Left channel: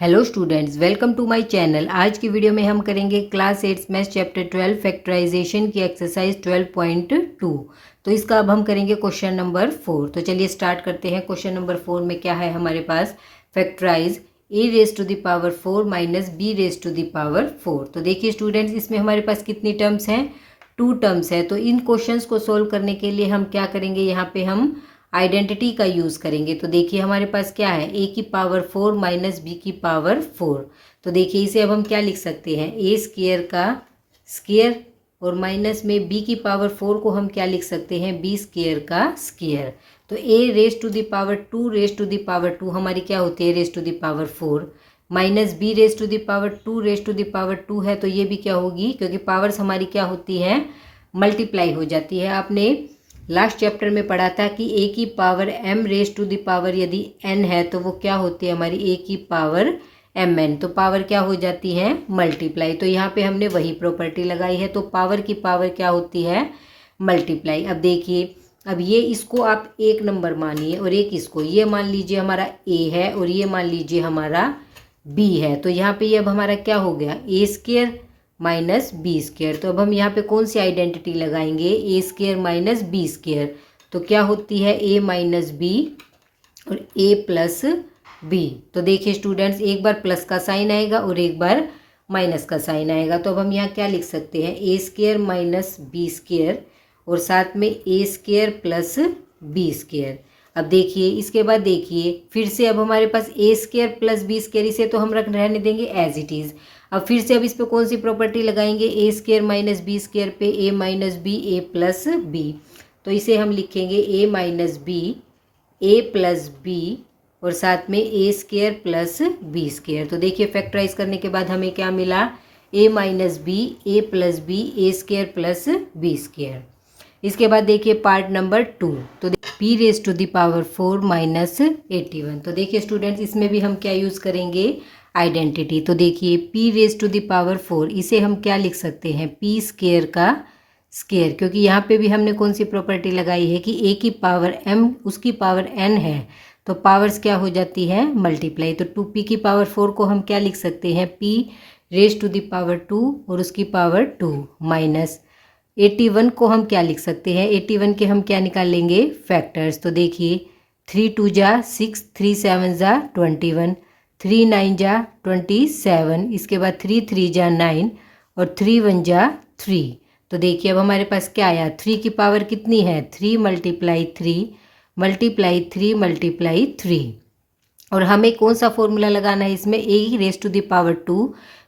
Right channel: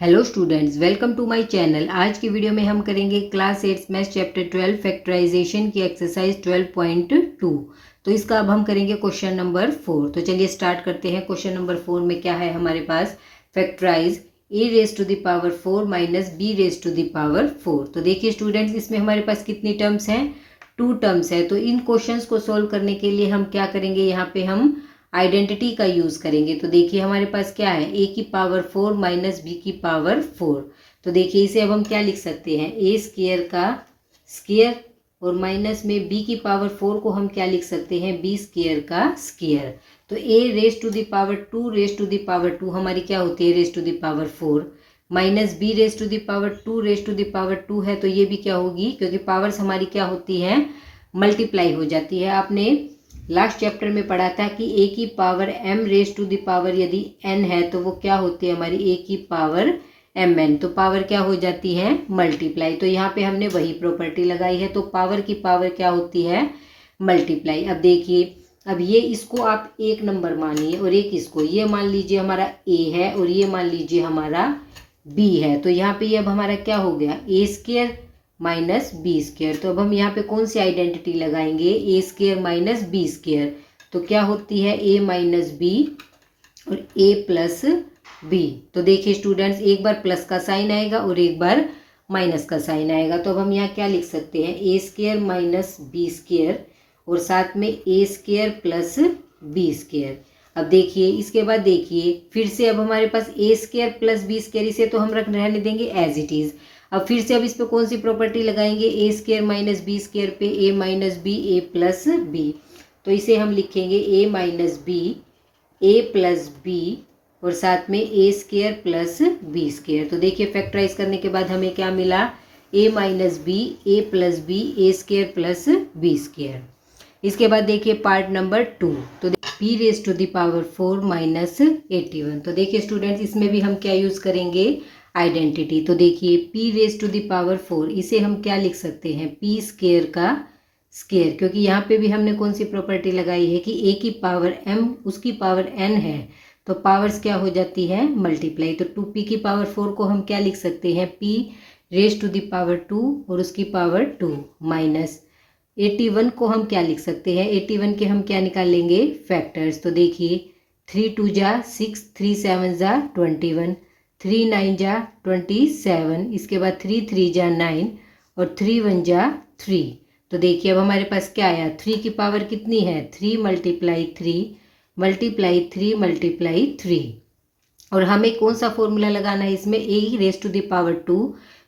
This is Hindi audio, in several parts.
Hello students, welcome to my channel. आज की वीडियो में हम करेंगे क्लास 8 मैथ्स चैप्टर 12 फैक्टराइजेशन की एक्सरसाइज 12.2। तो इसका अब हम करेंगे क्वेश्चन नंबर 4। तो चलिए स्टार्ट करते हैं। क्वेश्चन नंबर 4 में क्या है हमारे पास? Factorise a raise to the power 4 minus b raise to the power 4। तो देखिए स्टूडेंट्स, इसमें हमारे पास कितनी टर्म्स हैं? 2 टर्म्स है। तो इन क्वेश्चंस को सोल्व करने के लिए हम क्या करेंगे? यहाँ पे हम आइडेंटिटी का यूज करेंगे। तो देखिए हमारे पास क्या है? a की पावर 4 माइनस बी की पावर 4। तो देखिए इसे अब हम क्या लिख सकते हैं? a स्क्वायर का स्क्वायर और माइनस में b की पावर 4 को हम क्या लिख सकते हैं? b स्क्वायर का स्क्वायर। तो a raise to the power 2 raise to the power 2 हमारी क्या होती है? Raise to the power 4 minus b raise to the power 2 raise to the power 2 है। तो ये भी क्या होगी? क्योंकि पावर्स हमारी क्या होती हैं? मल्टीप्लाई हो जाती है। आपने लास्ट चैप्टर में पढ़ा था कि a की power m raise to the power यदि n है तो वो क्या होती है हमारी? a की पावर mn। तो पावर क्या हो जाती है? मल्टीप्लाई। तो यहाँ पे हमने वही प्रॉपर्टी लगाई है। तो पावर की पावर क्या होती है? मल्टीप्लाई। अब देखिए, अब ये इसको आप एक नंबर मानिए और एक इसको, ये मान लीजिए हमारा a है और ये मान लीजिए हमारा b है। तो यहाँ पे ये अब हमारा क्या हो गया? a square minus b square. तो अब हम यहाँ पे कौन सी आइडेंटिटी लगाएंगे? A square minus b square. तो क्या होती है? ए माइनस बी और ए प्लस बी। तो देखिए स्टूडेंट्स, एक बार प्लस का साइन आएगा और एक बार माइनस का साइन आएगा। तो अब हम यहाँ क्या लिख सकते हैं? ए स्क्वायर माइनस बी स्क्वायर और साथ में a square plus b square. अब देखिए इसके बाद देखिए फिर से अब हमारे पास ए स्क्वायर प्लस बी स्क्वायर, इसे तो हम रहने देंगे एज इट इज़। अब फिर से अब इस पे कौन सी प्रॉपर्टी लगाएंगे? A square minus b square पे a minus B A plus B. तो इसे हम लिखेंगे a minus B A plus b और साथ में a square plus b square. तो देखिए फैक्टराइज करने के बाद हमें क्या मिला? A minus B A plus b a square plus b square. इसके बाद देखिए पार्ट नंबर 2। तो p raise to the power 4 minus 81। तो देखिए स्टूडेंट्स, इसमें भी हम क्या यूज़ करेंगे? आइडेंटिटी। तो देखिए p raise to the power 4, इसे हम क्या लिख सकते हैं? p स्क्वायर का स्क्वायर। क्योंकि यहाँ पे भी हमने कौन सी प्रॉपर्टी लगाई है कि a की पावर m उसकी पावर n है। तो पावर्स क्या हो जाती है? मल्टीप्लाई। तो 2p की पावर 4 को हम क्या लिख सकते हैं? p raise to the power 2 और उसकी पावर 2 माइनस 81 को हम क्या लिख सकते हैं? 81 के हम क्या निकाल लेंगे? फैक्टर्स। तो देखिए 3 2 जा 6, 3 7 जा 21, 3 9 जा 27, इसके बाद 3 3 जा 9 और 3 1 जा 3। तो देखिए अब हमारे पास क्या आया? 3 की पावर कितनी है? 3 मल्टीप्लाई 3 मल्टीप्लाई 3 मल्टीप्लाई 3। और हमें कौन सा फॉर्मूला लगाना है इसमें? A raise to the power 2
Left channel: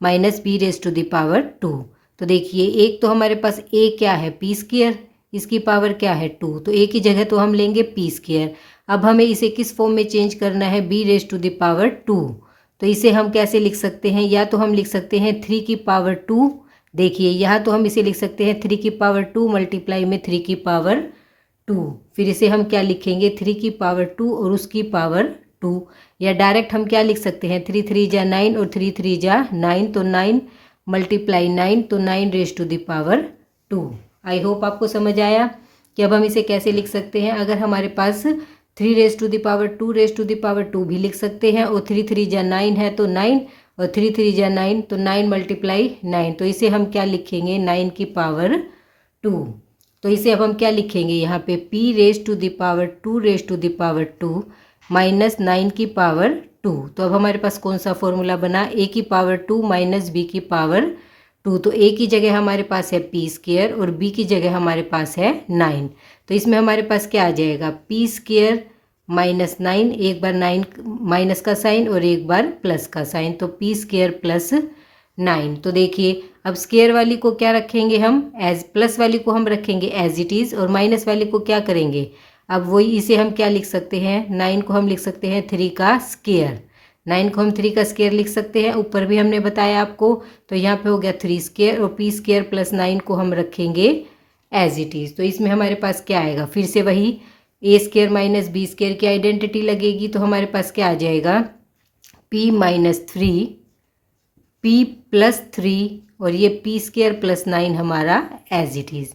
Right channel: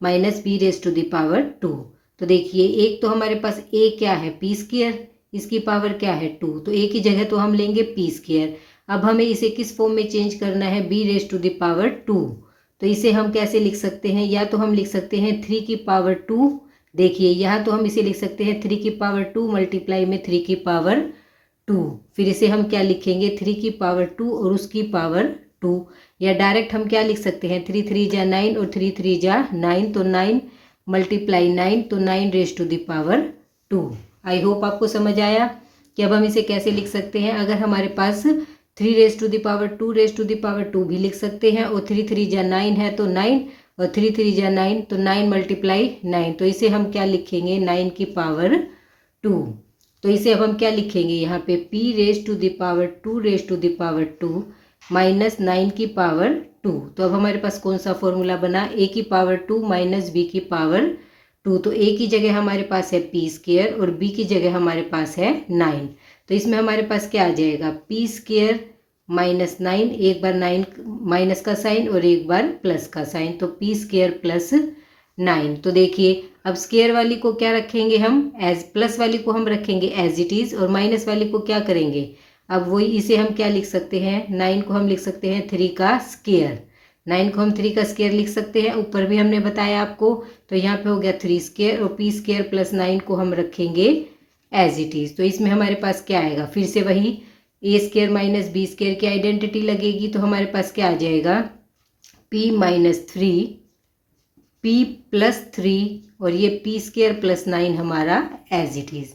minus B raise to the power 2। तो देखिए एक तो हमारे पास ए क्या है? पी स्क्वायर, इसकी पावर क्या है? 2। तो ए की जगह तो हम लेंगे पी स्क्वायर। अब हमें इसे किस फॉर्म में चेंज करना है? B raise to the power 2। तो इसे हम कैसे लिख सकते हैं? या तो हम लिख सकते हैं 3 की पावर 2। देखिए यहाँ तो हम इसे लिख सकते हैं 3 की पावर 2 मल्टीप्लाई में 3 की पावर 2। फिर इसे हम क्या लिखेंगे? 3 की पावर 2 और उसकी पावर 2। या डायरेक्ट हम क्या लिख सकते हैं? 3 3 जा 9 और 3 3 जा 9। तो 9 मल्टीप्लाई 9, तो 9 raise to the power 2। I hope आपको समझ आया कि अब हम इसे कैसे लिख सकते हैं। अगर हमारे पास 3 raise to the power 2 raise to the power 2 भी लिख सकते हैं और 3 3 जा 9 है तो 9 और 3 3 जा 9, तो 9 मल्टीप्लाई 9। तो इसे हम क्या लिखेंगे? 9 की पावर 2। तो इसे अब हम क्या लिखेंगे? यहाँ पे p raise to the power 2 raise to the power 2 minus 9 की पावर 2। तो अब हमारे पास कौन सा फॉर्मूला बना? a की पावर 2 माइनस b की पावर 2। तो a की जगह हमारे पास है p स्क्वायर और b की जगह हमारे पास है 9। तो इसमें हमारे पास क्या आ जाएगा? p स्क्वायर माइनस 9, एक बार 9 माइनस का साइन और एक बार प्लस का साइन, तो p स्क्वायर प्लस 9। तो देखिए अब स्क्वायर वाली को क्या रखेंगे हम? एज प्लस वाली को हम रखेंगे एज इट इज़ और माइनस वाली को क्या करेंगे? अब वही इसे हम क्या लिख सकते हैं? 9 को हम लिख सकते हैं 3 का स्क्वायर। 9 को हम 3 का स्क्वायर लिख सकते हैं, ऊपर भी हमने बताया आपको। तो यहाँ पे हो गया 3 स्क्वायर और p स्क्वायर प्लस 9 को हम रखेंगे एज इट इज़। तो इसमें हमारे पास क्या आएगा? फिर से वही ए स्क्वायर माइनस बी स्क्वायर की आइडेंटिटी लगेगी। तो हमारे पास क्या आ जाएगा? p माइनस 3 p प्लस 3 और ये p स्क्वायर प्लस 9 हमारा as it is.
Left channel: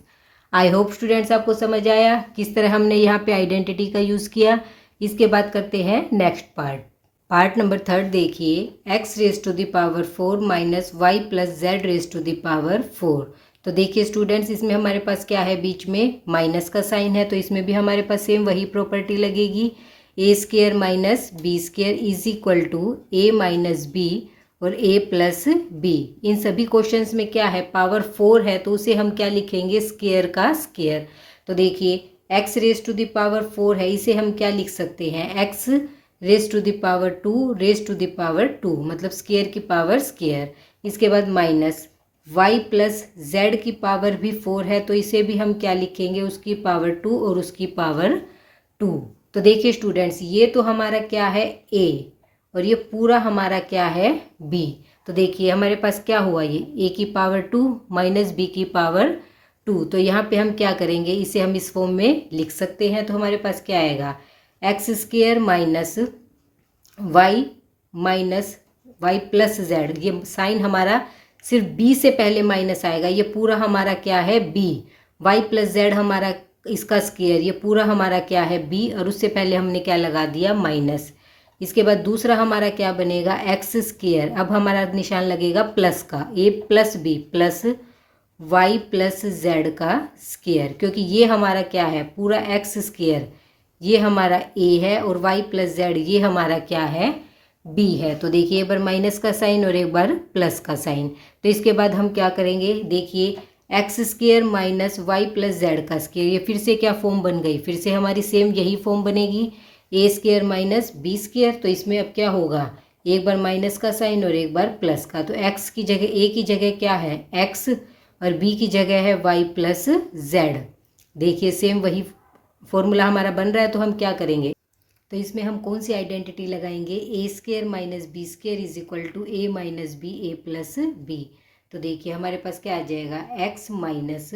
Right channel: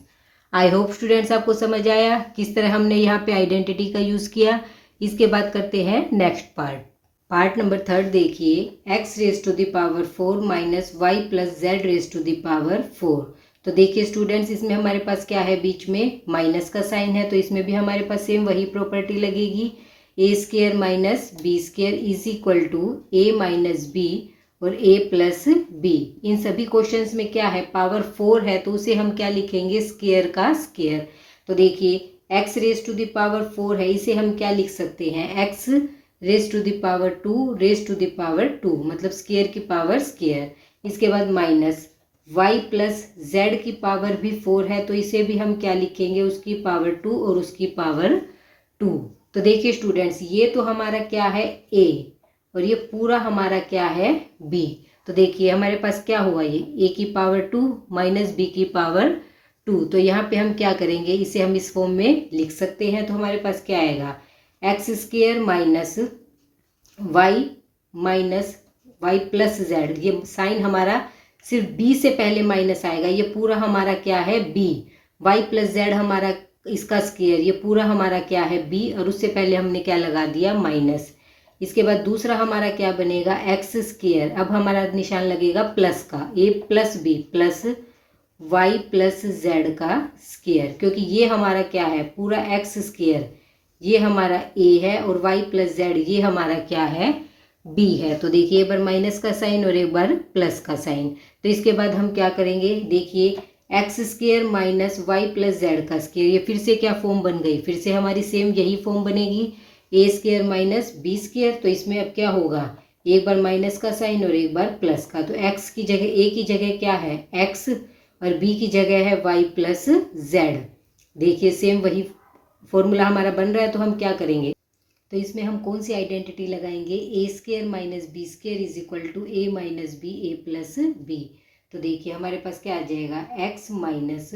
I hope students आपको समझ आया किस तरह हमने यहाँ पे आइडेंटिटी का यूज़ किया। इसके बाद करते हैं next part. Part number third देखिए, x raise to the power 4 minus Y plus Z raise to the power 4। तो देखिए स्टूडेंट्स, इसमें हमारे पास क्या है, बीच में माइनस का साइन है, तो इसमें भी हमारे पास सेम वही प्रॉपर्टी लगेगी। A square minus B square is equal to A minus B और ए प्लस बी। इन सभी क्वेश्चंस में क्या है, पावर 4 है, तो उसे हम क्या लिखेंगे, स्क्वेयर का स्क्वेयर। तो देखिए x raise to the power 4 है, इसे हम क्या लिख सकते हैं, x raise to the power 2 raise to the power 2, मतलब स्क्वेयर की पावर स्क्वेयर। इसके बाद माइनस y प्लस जेड की पावर भी 4 है, तो इसे भी हम क्या लिखेंगे, उसकी पावर 2 और उसकी पावर 2। तो देखिए स्टूडेंट्स, ये तो हमारा क्या है a और ये पूरा हमारा क्या है b। तो देखिए हमारे पास क्या हुआ, ये a की पावर 2 माइनस b की पावर 2। तो यहाँ पे हम क्या करेंगे, इसे हम इस फॉर्म में लिख सकते हैं। तो हमारे पास क्या आएगा, x square minus Y plus z. ये साइन हमारा सिर्फ बी से पहले माइनस आएगा, ये पूरा हमारा क्या है बी। वाई प्लस जेड हमारा इसका स्क्वेयर, ये पूरा हमारा क्या है बी, और उससे पहले हमने क्या लगा दिया, माइनस। इसके बाद दूसरा हमारा क्या बनेगा, एक्स स्क्वेयर। अब हमारा निशान लगेगा प्लस का, A plus B plus Y plus Z का स्क्वेयर, क्योंकि ये हमारा क्या है, पूरा एक्स स्क्वेयर ये हमारा a है और y प्लस जेड ये हमारा क्या है, b है। तो देखिए एक बार माइनस का साइन और एक बार प्लस का साइन। तो इसके बाद हम क्या करेंगे, देखिए x square minus Y plus Z का स्क्वेयर, ये फिर से क्या फॉर्म बन गई, फिर से हमारी सेम यही फॉर्म बनेगी, ए स्क्वेयर माइनस बी स्क्वेयर। तो इसमें अब क्या होगा, एक बार माइनस का साइन और एक बार प्लस का। तो एक्स की जगह, ए की जगह क्या है एक्स और बी की जगह है वाई प्लस जेड। देखिए सेम वही फॉर्मूला हमारा बन रहा है। तो हम क्या करेंगे, तो इसमें हम कौन सी आइडेंटिटी लगाएंगे, A square minus B square is equal to A minus B A plus B. तो देखिए हमारे पास क्या आ जाएगा, X minus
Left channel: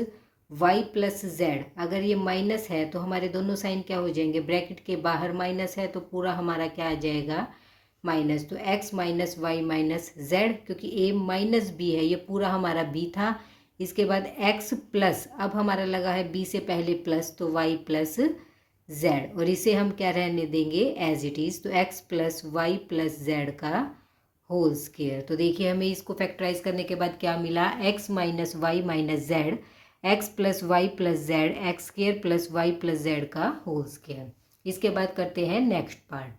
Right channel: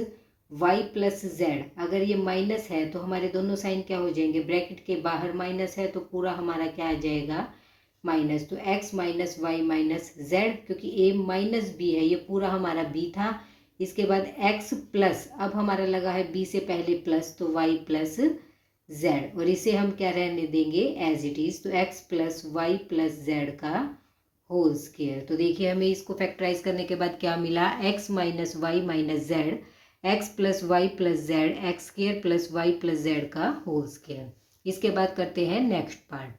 Y plus Z. अगर ये माइनस है तो हमारे दोनों साइन क्या हो जाएंगे, ब्रैकेट के बाहर माइनस है, तो पूरा हमारा क्या आ जाएगा माइनस। तो x minus y minus z, क्योंकि ए माइनस बी है, ये पूरा हमारा बी था। इसके बाद x प्लस, अब हमारा लगा है b से पहले प्लस, तो y प्लस जेड, और इसे हम क्या रहने देंगे एज इट इज़। तो x plus Y plus Z का होल स्क्वेयर। तो देखिए हमें इसको फैक्टराइज करने के बाद क्या मिला, x minus y minus z, x plus Y plus z x square plus Y plus Z का होल स्क्वेयर। इसके बाद करते हैं नेक्स्ट पार्ट।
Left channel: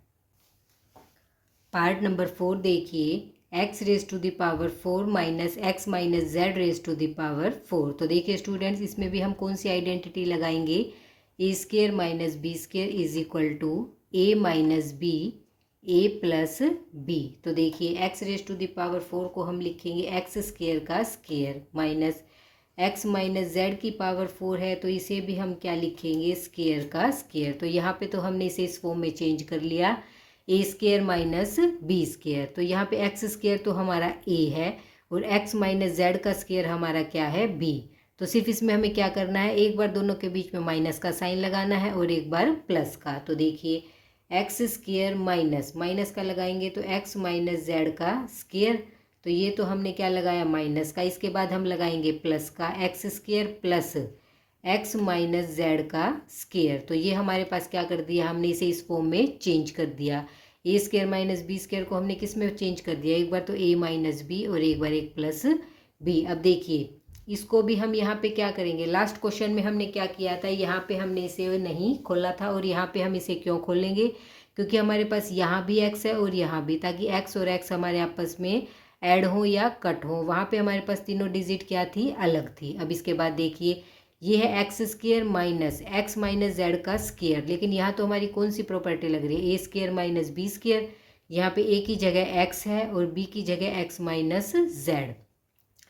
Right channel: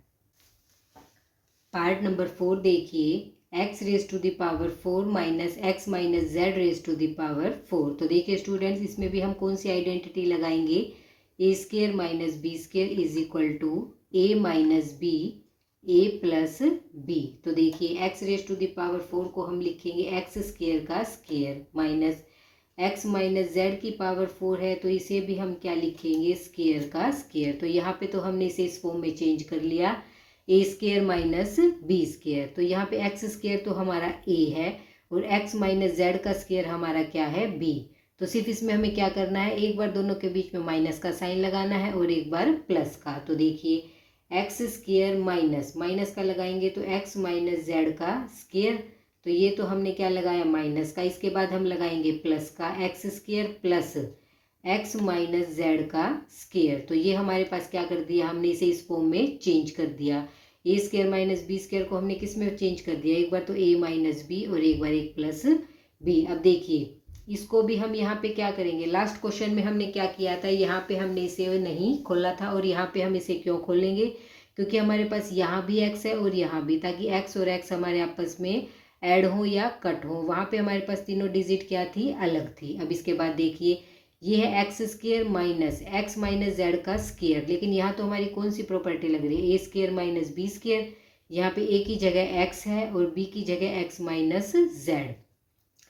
पार्ट नंबर 4 देखिए, x raise to the power 4 minus x minus z raise to the power 4। तो देखिए स्टूडेंट्स, इसमें भी हम कौन सी आइडेंटिटी लगाएंगे, A square minus B square is equal to A minus B A plus B. तो देखिए x raise to the power 4 को हम लिखेंगे एक्स स्क्वेयर का square minus x minus Z की पावर 4 है, तो इसे भी हम क्या लिखेंगे, स्क्वेयर का स्क्वेयर। तो यहाँ पे तो हमने इसे इस फॉर्म में चेंज कर लिया, ए स्क्वेयर माइनस बी स्क्वेयर। तो यहाँ पे एक्स स्क्वेयर तो हमारा ए है और एक्स माइनस जेड का स्क्वेयर हमारा क्या है बी। तो सिर्फ इसमें हमें क्या करना है, एक बार दोनों के बीच में माइनस का साइन लगाना है और एक बार प्लस का। तो देखिए एक्स स्क्वेयर माइनस माइनस का लगाएंगे तो एक्स माइनस जेड का स्क्वेयर, तो ये तो हमने क्या लगाया माइनस का। इसके बाद हम लगाएंगे प्लस का, x square plus x minus Z का स्क्वेयर। तो ये हमारे पास क्या कर दिया, हमने इसे इस फॉर्म में चेंज कर दिया। ए स्क्वेयर माइनस बी स्क्वेयर को हमने किस में चेंज कर दिया, एक बार तो ए माइनस बी और एक बार एक प्लस बी। अब देखिए इसको भी हम यहाँ पे क्या करेंगे, लास्ट क्वेश्चन में हमने क्या किया था, यहाँ पे हमने इसे नहीं खोला था और यहाँ पे हम इसे क्यों खोलेंगे, क्योंकि हमारे पास यहाँ भी एक्स है और यहाँ भी, ताकि एक्स और एक्स हमारे आपस में ऐड हो या कट हो। वहाँ पे हमारे पास तीनों डिजिट क्या थी, अलग थी। अब इसके बाद देखिए ये है x square minus x minus Z का स्क्वेयर, लेकिन यहाँ तो हमारी कौन सी प्रॉपर्टी लग रही है, ए स्क्वेयर माइनस बी स्क्वेयर। यहाँ पे ए की जगह एक्स है और बी की जगह एक्स माइनस जेड।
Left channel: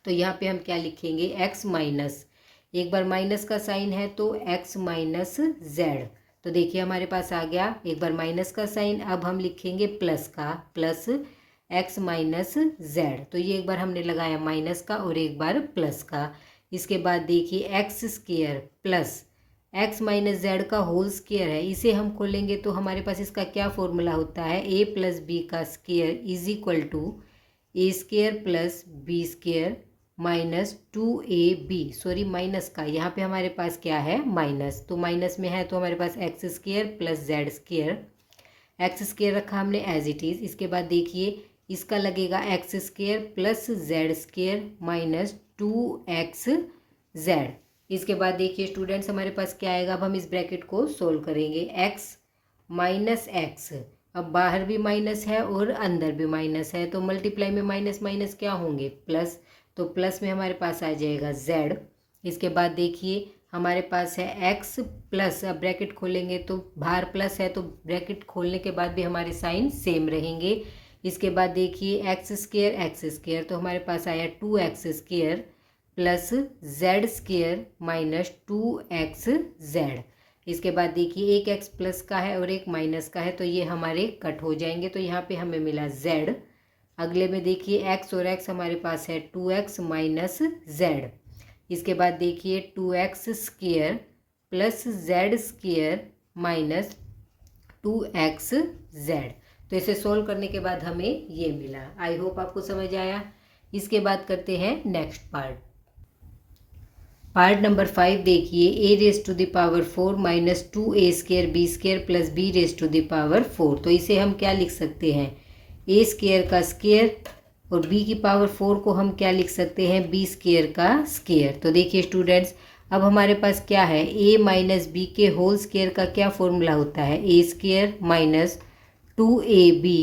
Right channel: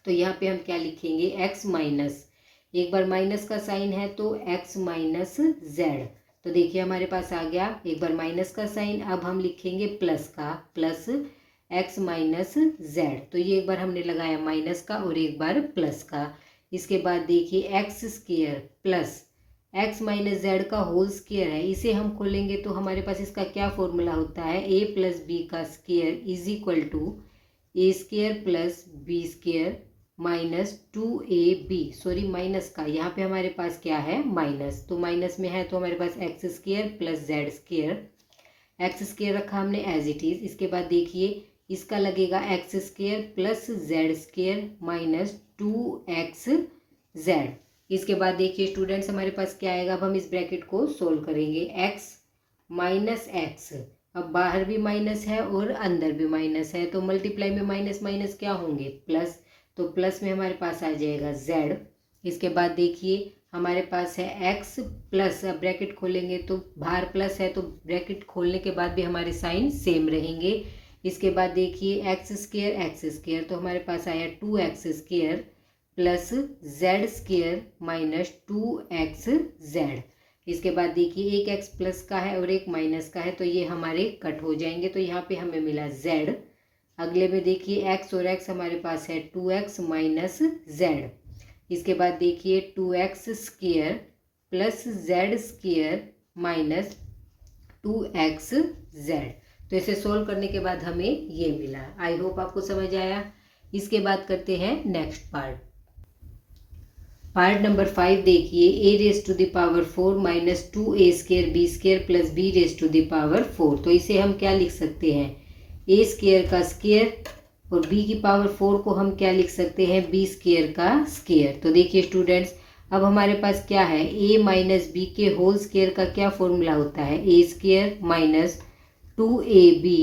तो यहाँ पे हम क्या लिखेंगे, एक्स माइनस, एक बार माइनस का साइन है तो एक्स माइनस जेड। तो देखिए हमारे पास आ गया एक बार माइनस का साइन, अब हम लिखेंगे प्लस का, प्लस एक्स माइनस जेड। तो ये एक बार हमने लगाया माइनस का और एक बार प्लस का। इसके बाद देखिए x square plus x minus Z का होल स्क्वेयर है, इसे हम खोलेंगे तो हमारे पास इसका क्या फॉर्मूला होता है, ए प्लस बी का square is equal to a square plus b square minus 2ab, sorry minus का, यहाँ पे हमारे पास क्या है माइनस, तो माइनस में है तो हमारे पास X square plus Z square, X square रखा हमने एज इट इज़। इसके बाद देखिए इसका लगेगा X square plus Z square minus two X Z. इसके बाद देखिए स्टूडेंट्स हमारे पास क्या आएगा, अब हम इस ब्रैकेट को सोल्व करेंगे। एक्स माइनस एक्स, अब बाहर भी माइनस है और अंदर भी माइनस है, तो मल्टीप्लाई में माइनस माइनस क्या होंगे, प्लस। तो प्लस में हमारे पास आ जाएगा जेड। इसके बाद देखिए हमारे पास है एक्स प्लस, अब ब्रैकेट खोलेंगे तो बाहर प्लस है तो ब्रैकेट खोलने के बाद भी हमारे साइन सेम रहेंगे। इसके बाद देखिए एक्स स्क्वायर, तो हमारे पास आया 2x square plus Z square minus 2x Z. इसके बाद देखिए एक x प्लस का है और एक माइनस का है, तो ये हमारे कट हो जाएंगे, तो यहाँ पे हमें मिला z। अगले में देखिए x और x हमारे पास है 2x माइनस z। इसके बाद देखिए 2x square plus Z square minus 2x Z. तो इसे सोल्व करने के बाद हमें ये मिला। आई होप आपको समझ आया। इसके बाद करते हैं नेक्स्ट पार्ट नंबर 5। देखिए a raise to the power 4 minus 2a square b square plus b raise to the power 4। तो इसे हम क्या लिख सकते हैं, a स्क्वायर का स्क्वायर और b की पावर 4 को हम क्या लिख सकते हैं, b स्क्वायर का स्क्वायर। तो देखिए स्टूडेंट्स अब हमारे पास क्या है, a माइनस बी के होल स्क्वायर का क्या फॉर्मूला होता है, a square minus 2ab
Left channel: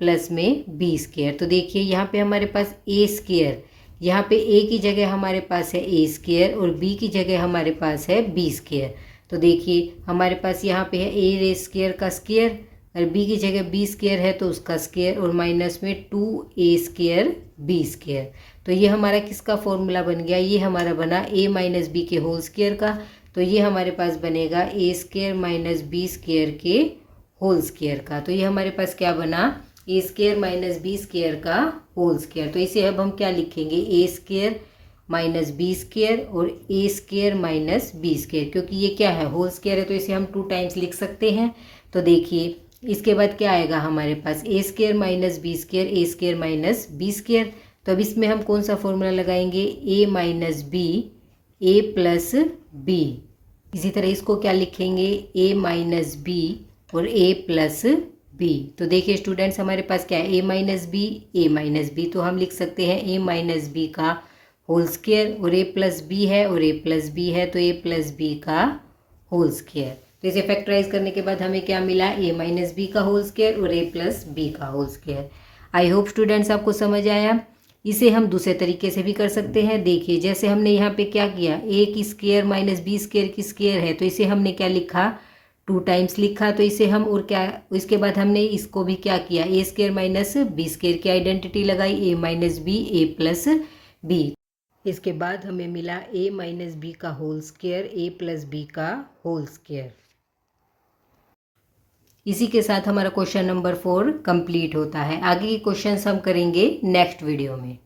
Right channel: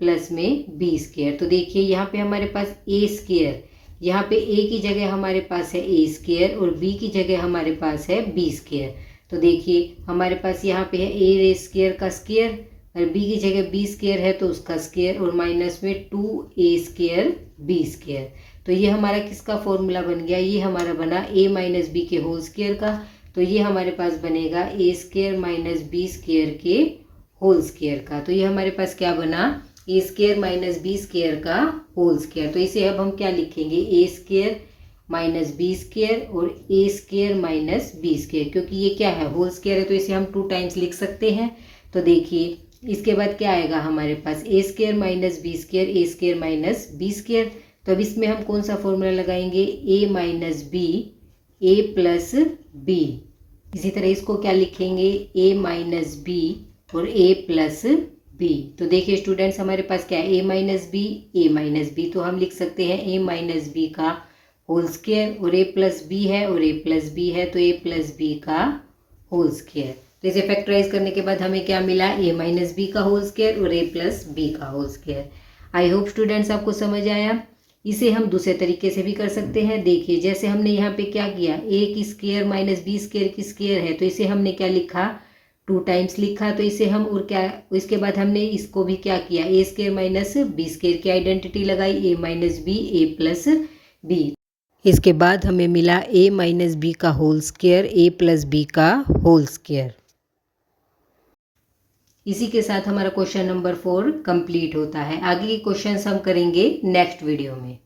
plus में b स्क्वायर। तो देखिए यहाँ पे हमारे पास a स्क्वायर, यहाँ पे a की जगह हमारे पास है a स्क्वायर और b की जगह हमारे पास है b स्क्वायर। तो देखिए हमारे पास यहाँ पे है a रेज स्क्वायर का स्क्वायर और b की जगह b स्क्वायर है तो उसका स्क्वायर और माइनस में 2a स्क्वायर b स्क्वायर। तो ये हमारा किसका फॉर्मूला बन गया, ये हमारा बना a माइनस बी के होल स्क्वायर का। तो ये हमारे पास बनेगा a square minus b square के होल स्क्वायर का। तो ये हमारे पास क्या बना, a square minus b square का होल स्क्वायर। तो इसे अब हम क्या लिखेंगे, a square minus b square और a square minus b square, क्योंकि ये क्या है, होल स्क्वायर है तो इसे हम 2 टाइम्स लिख सकते हैं। तो देखिए इसके बाद क्या आएगा हमारे पास, ए स्क्वायर माइनस बी स्क्वायर, ए स्क्वायर माइनस बी स्क्वायर। तो अब इसमें हम कौन सा फॉर्मूला लगाएंगे, ए माइनस बी ए प्लस बी। इसी तरह इसको क्या लिखेंगे, ए माइनस बी और a प्लस बी। तो देखिए स्टूडेंट्स हमारे पास क्या है, a माइनस बी, तो हम लिख सकते हैं a माइनस बी का होल स्क्वायर और a प्लस बी है और a प्लस बी है तो a प्लस बी का होल स्क्वायर। तो इसे फैक्टराइज करने के बाद हमें क्या मिला, a माइनस बी का होल स्क्वायर और a प्लस बी का whole square. I hope students आपको समझ आया। इसे हम दूसरे तरीके से भी कर सकते हैं। देखिए जैसे हमने यहाँ पे क्या किया, a की स्क्वायर माइनस बी स्क्वायर की स्क्वायर है तो इसे हमने क्या लिखा, 2 टाइम्स लिखा। तो इसे हम और क्या, इसके बाद हमने इसको भी क्या किया, ए स्क्वायर माइनस बी स्क्वायर की आइडेंटिटी लगाई, ए माइनस बी ए प्लस बी। इसके बाद हमें मिला ए माइनस बी का होल स्क्वायर ए प्लस बी का होल स्क्वायर। इसी के साथ हमारा क्वेश्चन नंबर 4 कंप्लीट होता है। आगे के क्वेश्चंस हम करेंगे नेक्स्ट वीडियो में।